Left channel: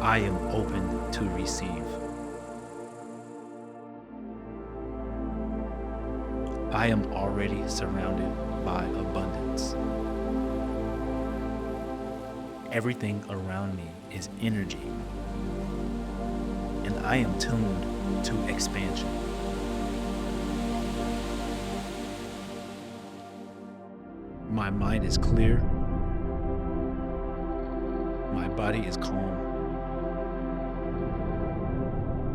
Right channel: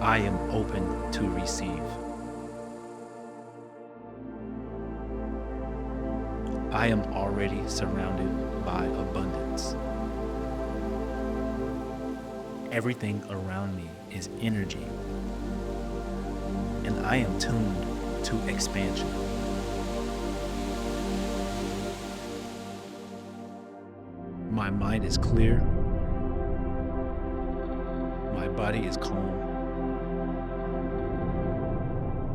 I am open to receive. I am already surrounded by abundance. Everything around me is energy, and I am tuned to expansion. My mind is clear. My body is calm.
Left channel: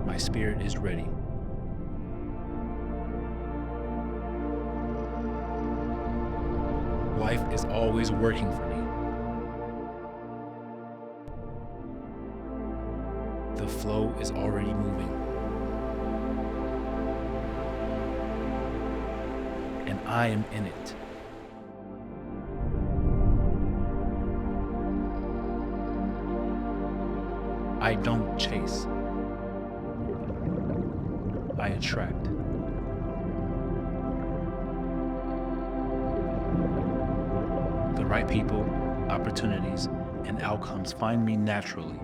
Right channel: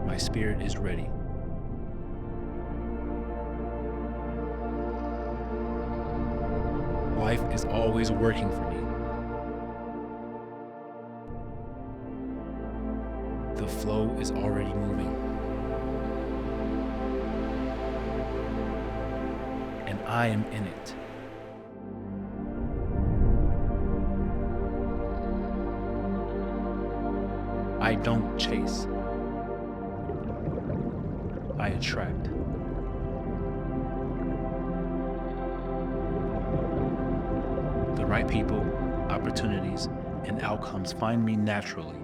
My spirit is ready. Life is always working for me. The flow is already moving. And I am in it. I don't chase. I attract. The right people, opportunities, and outcomes find me naturally.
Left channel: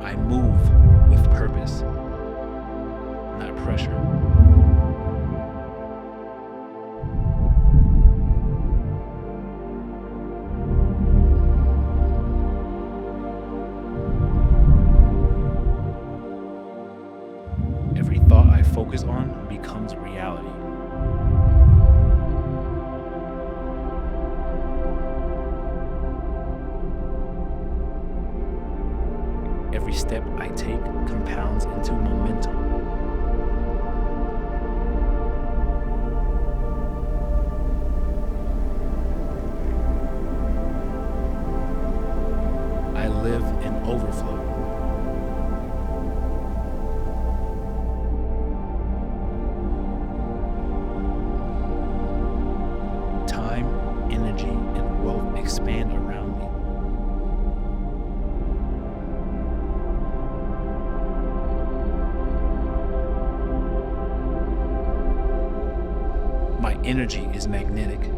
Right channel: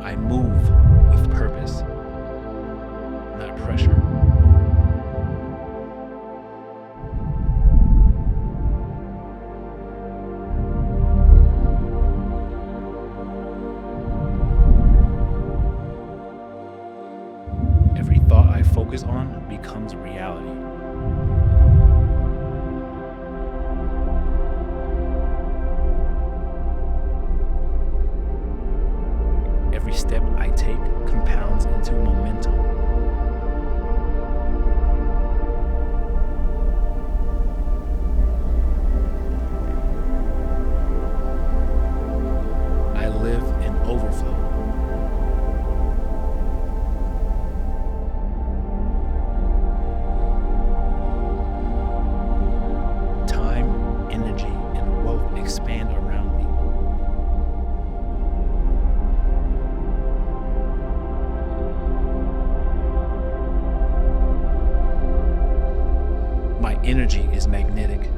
I move with purpose, not pressure. Every thought I focus on becomes reality. Every step I take compounds into momentum. I live in overflow. Time, energy, and wealth expand around me. My energy is magnetic.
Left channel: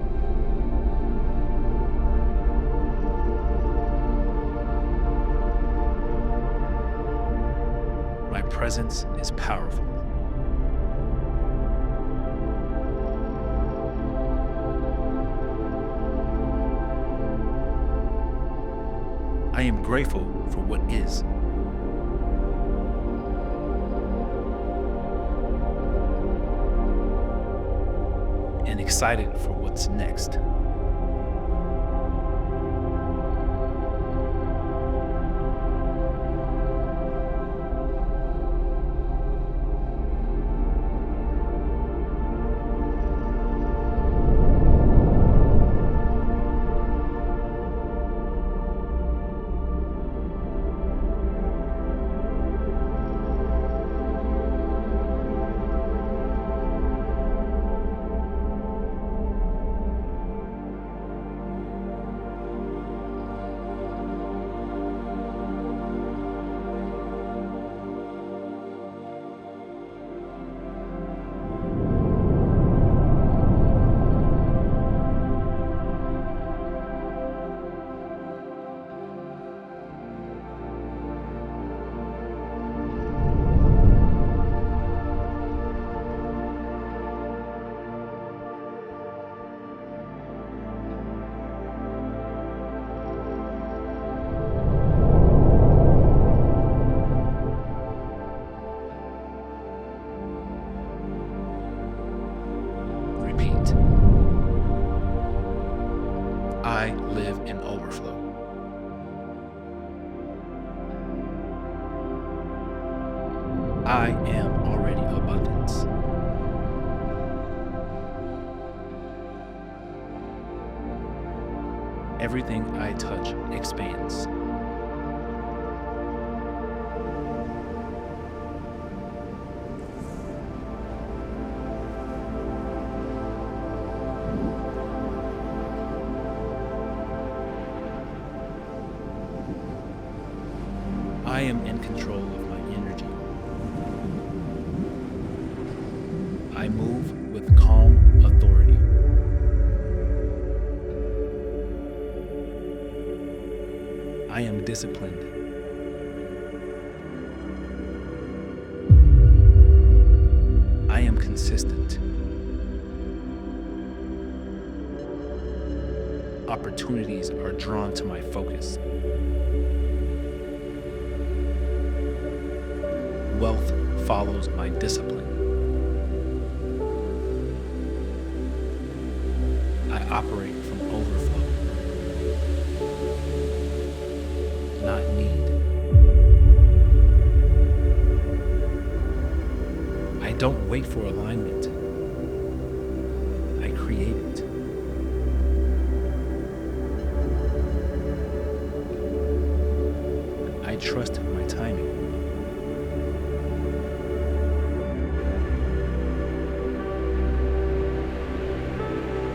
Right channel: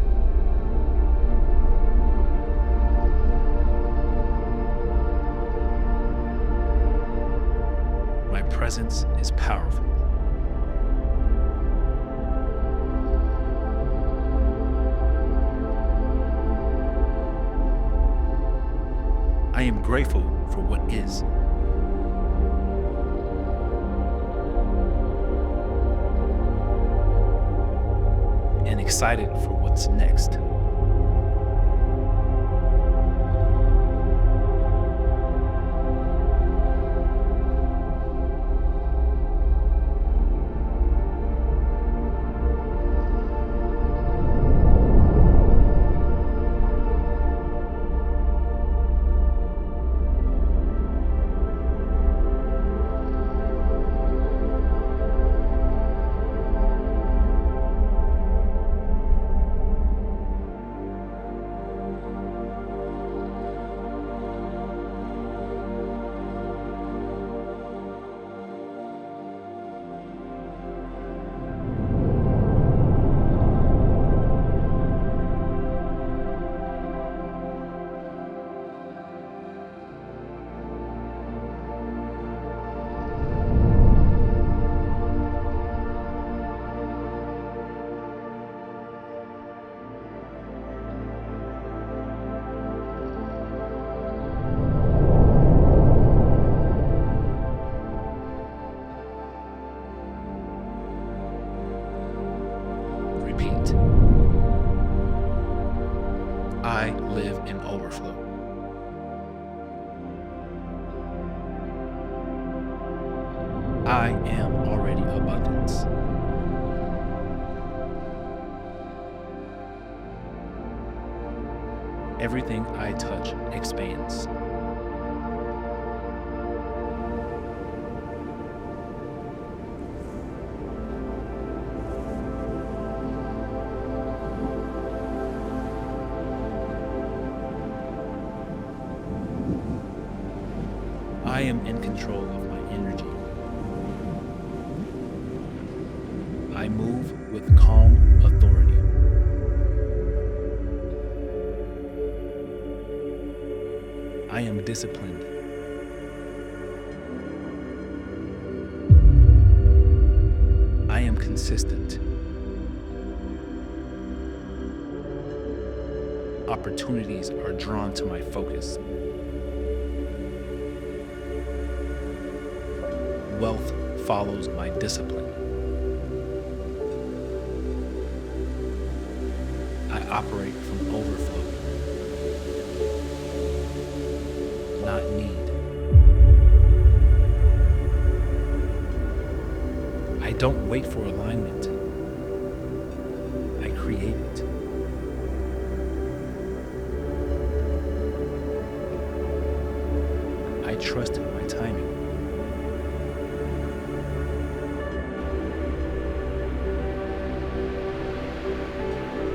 My presence is powerful. I am grateful for what is. And excited for what's next. Repeat. I live in overflow. I am already abundance. Everything I touch expands. I am in control of my energy. I move with calm authority. I am disciplined. I am consistent. Opportunities are drawn to my focus. Wealth follows my discipline. I operate from overflow, not need. I don't wait for alignment. I create it. I trust my timing.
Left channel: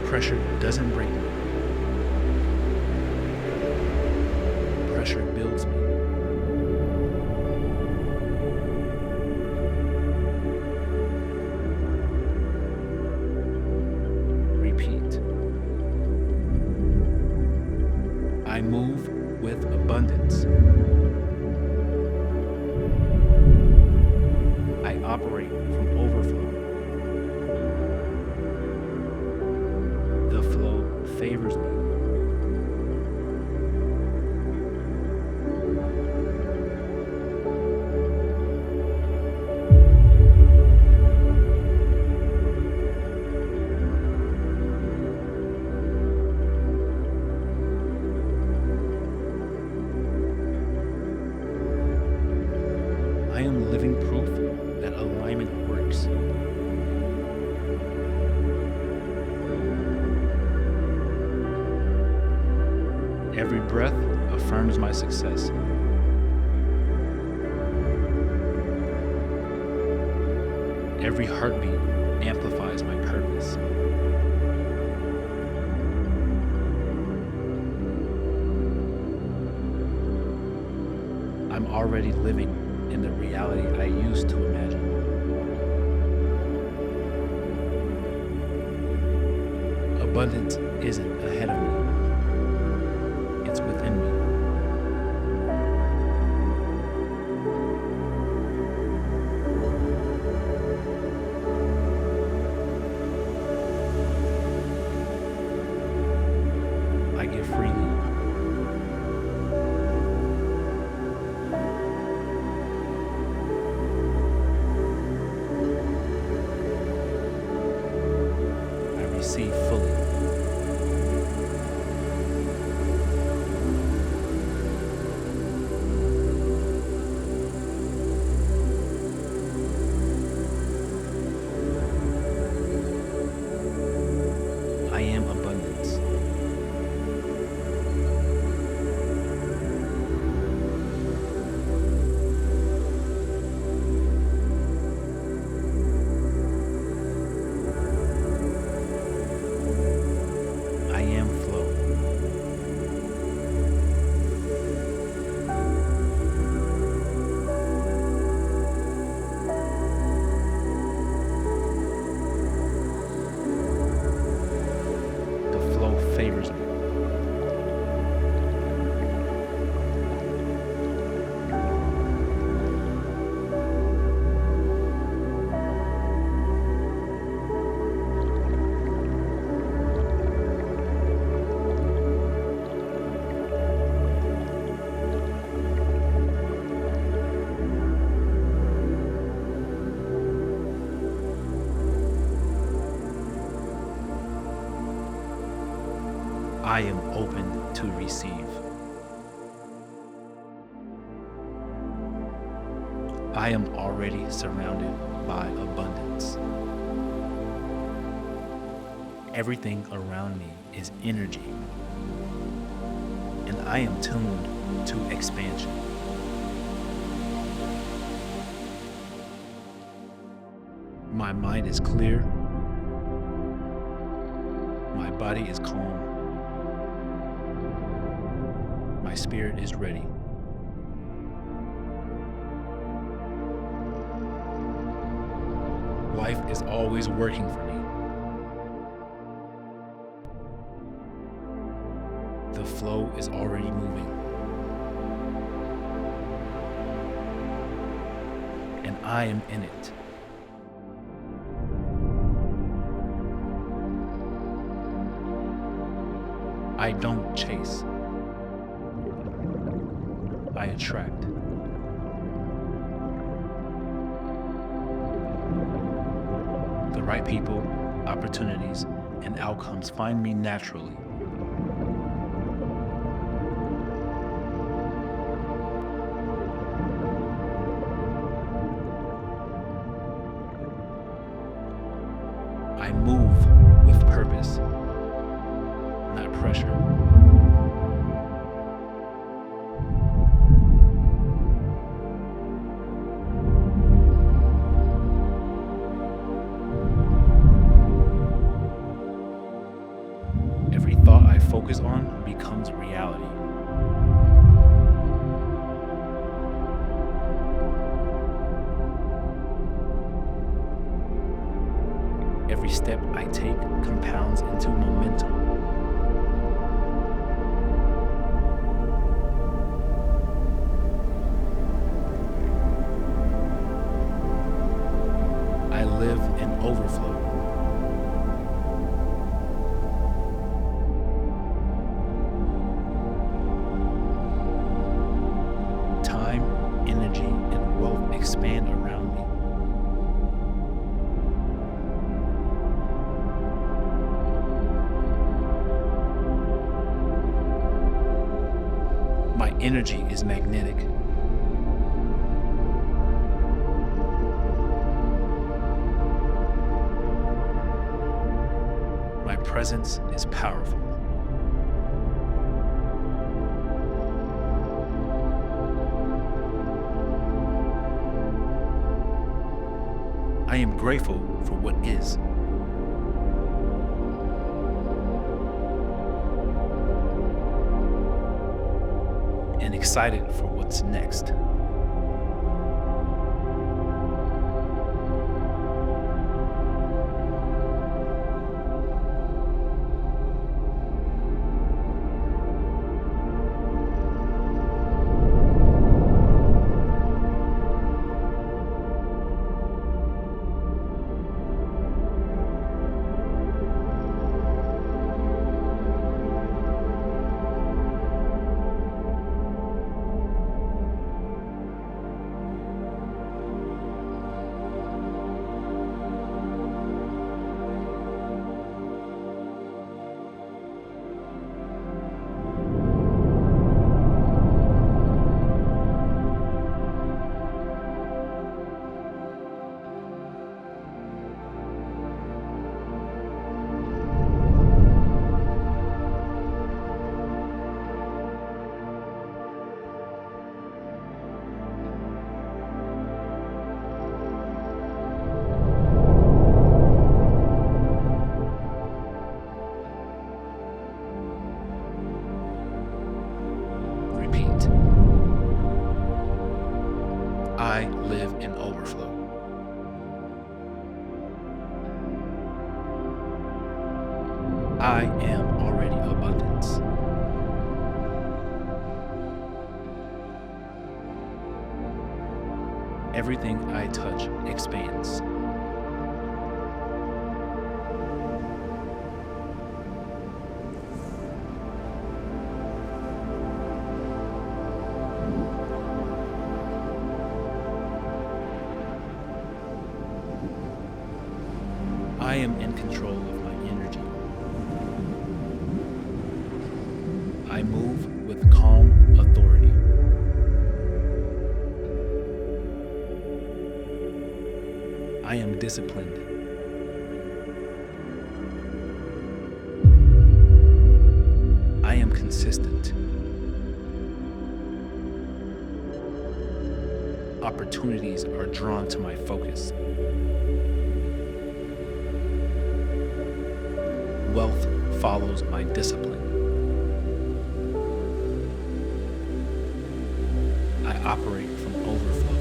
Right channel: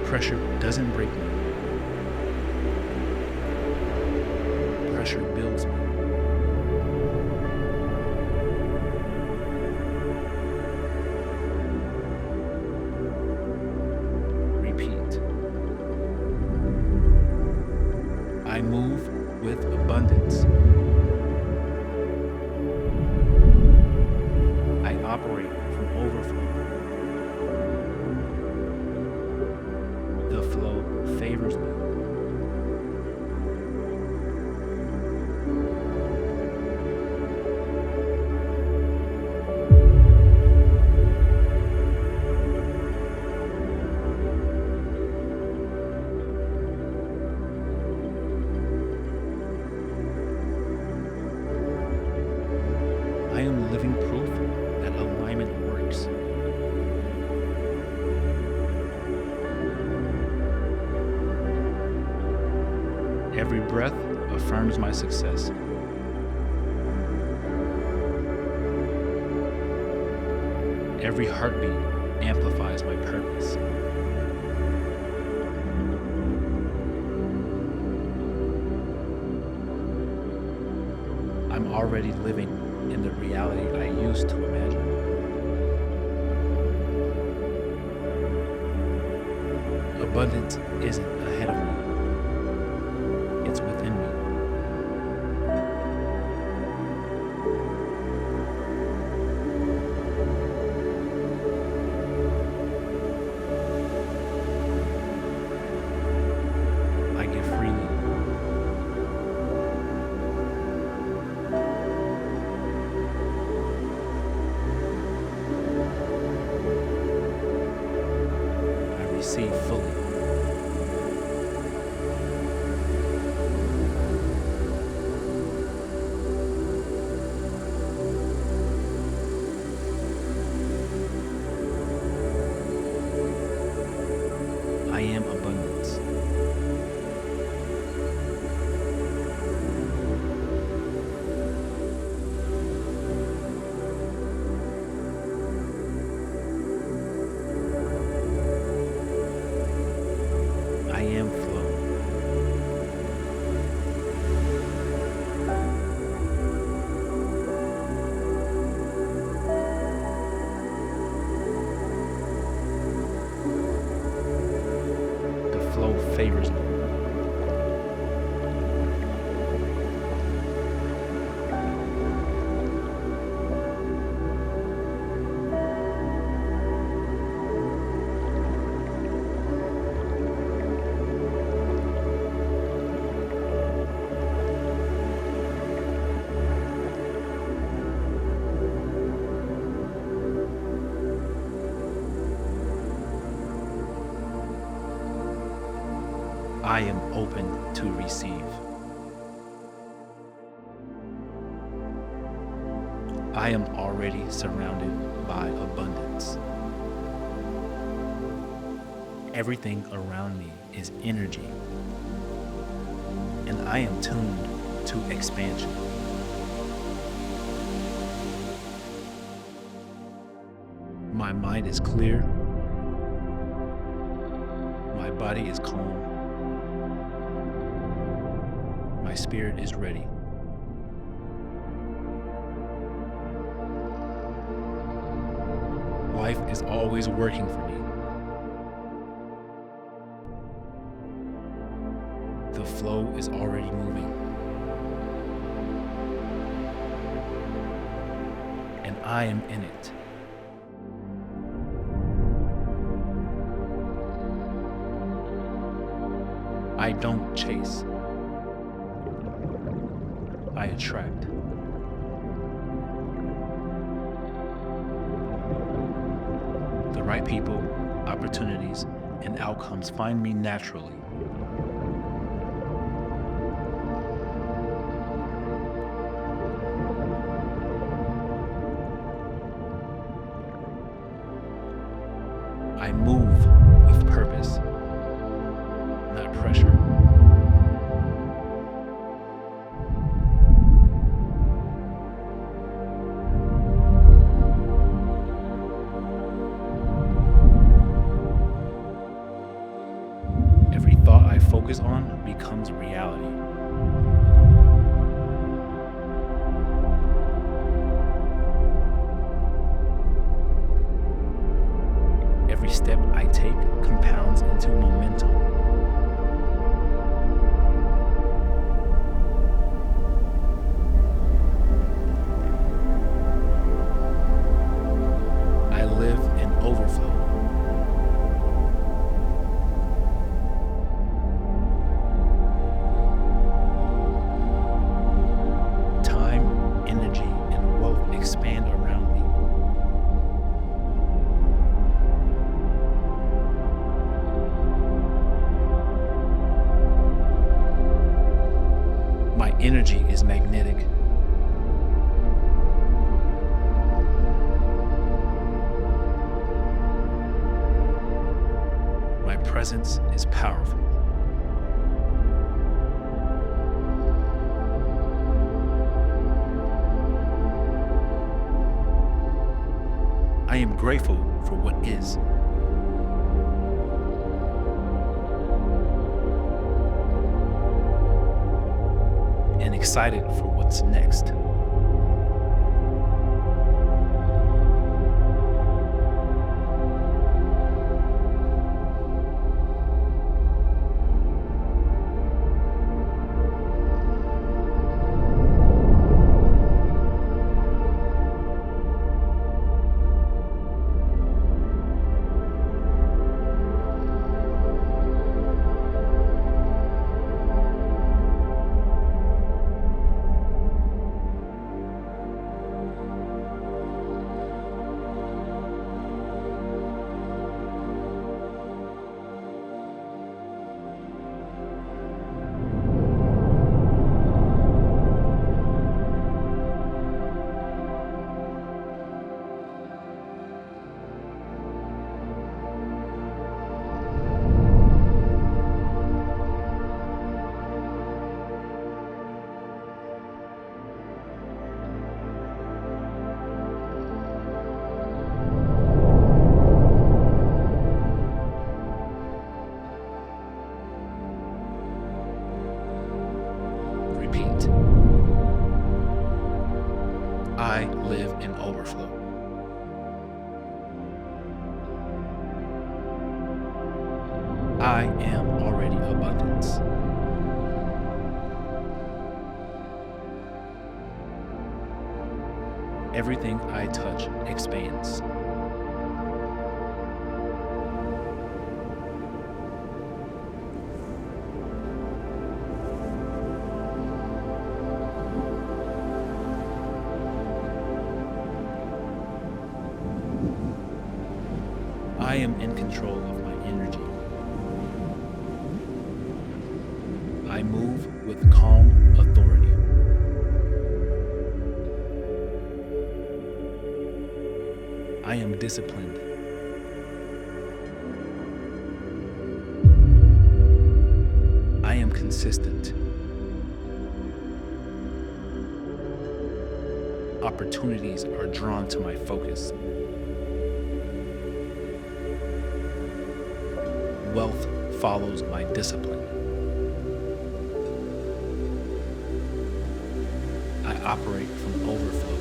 Pressure doesn't break me. Pressure builds me. Repeat. I move with abundance. I operate from overflow. The flow favors me. I am living proof that alignment works. Every breath affirms my success. Every heartbeat amplifies my purpose. I'm already living in the reality I used to imagine. Abundance isn't ahead of me, it's within me. I give freely. I receive fully. I am abundance. I am flow. The flow favors me. I am open to receive. I am already surrounded by abundance. Everything around me is energy, and I am tuned to expansion. My mind is clear. My body is calm. My spirit is ready. Life is always working for me. The flow is already moving. And I am in it. I don't chase. I attract. The right people, opportunities, and outcomes find me naturally. I move with purpose, not pressure. Every thought I focus on becomes reality. Every step I take compounds into momentum. I live in overflow. Time, energy, and wealth expand around me. My energy is magnetic. My presence is powerful. I am grateful for what is. And excited for what's next. Repeat. I live in overflow. I am already abundance. Everything I touch expands. I am in control of my energy. I move with calm authority. I am disciplined. I am consistent. Opportunities are drawn to my focus. Wealth follows my discipline. I operate from overflow.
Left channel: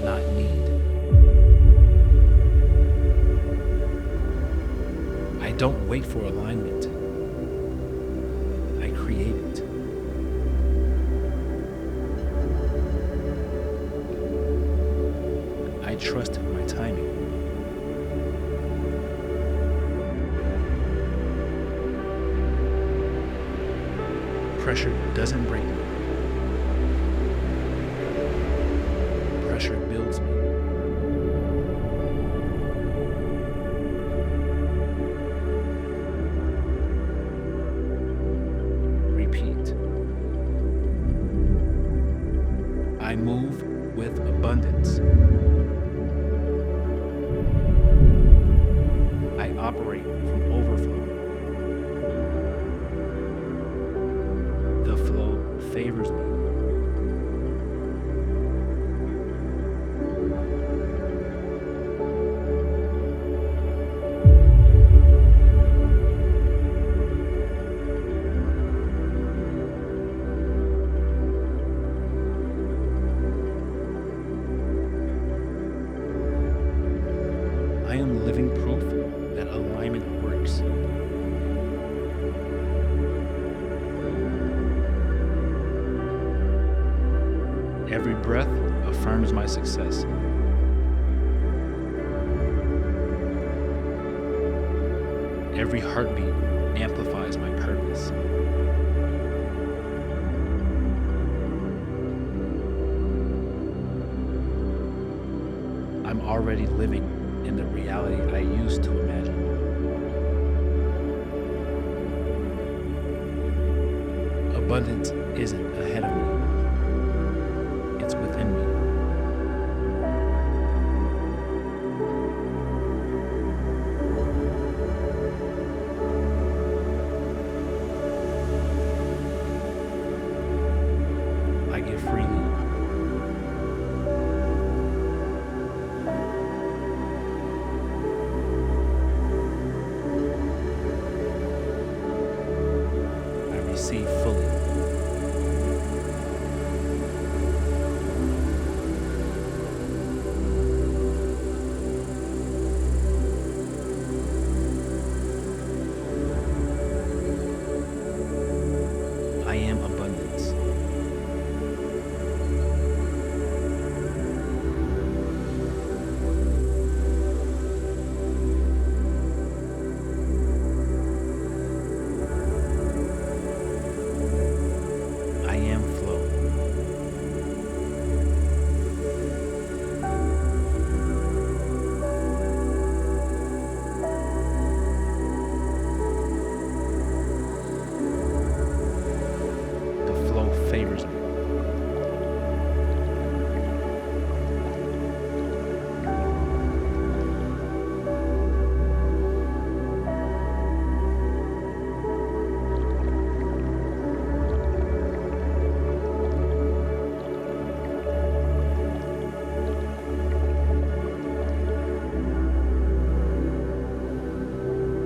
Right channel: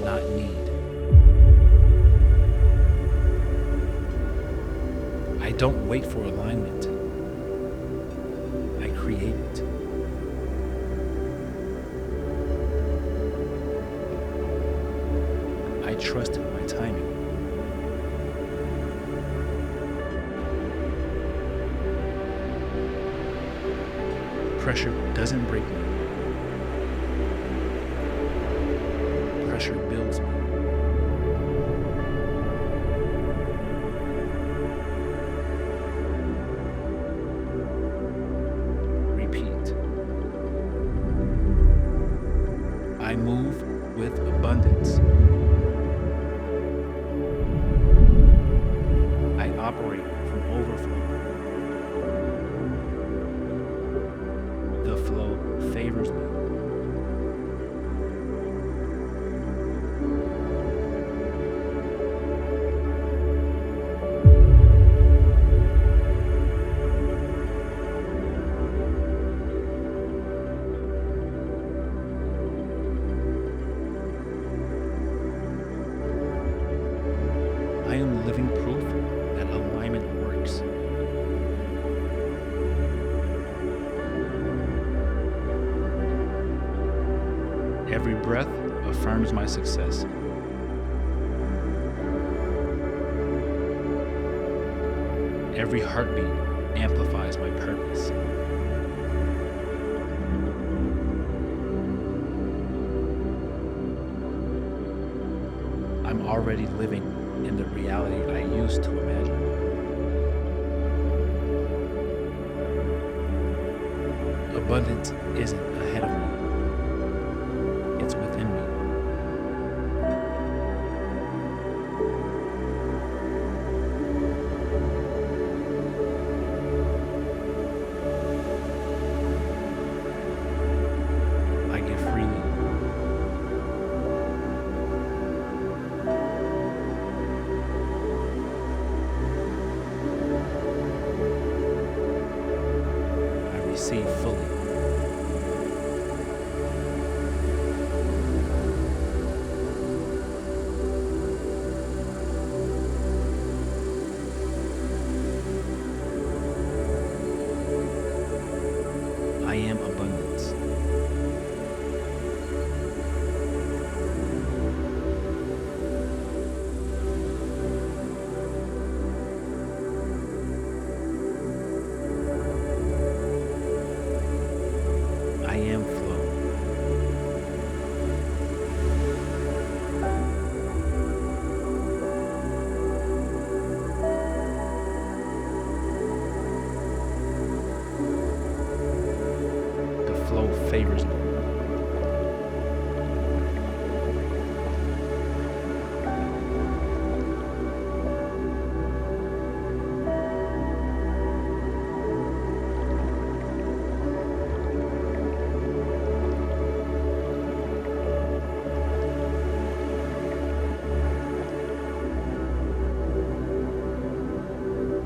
not need. I don't wait for alignment. I create it. I trust my timing. Pressure doesn't break me. Pressure builds me. Repeat. I move with abundance. I operate from overflow. The flow favors me. I am living proof that alignment works. Every breath affirms my success. Every heartbeat amplifies my purpose. I'm already living in the reality I used to imagine. Abundance isn't ahead of me, it's within me. I give freely. I receive fully. I am abundance. I am flow. The flow favors me.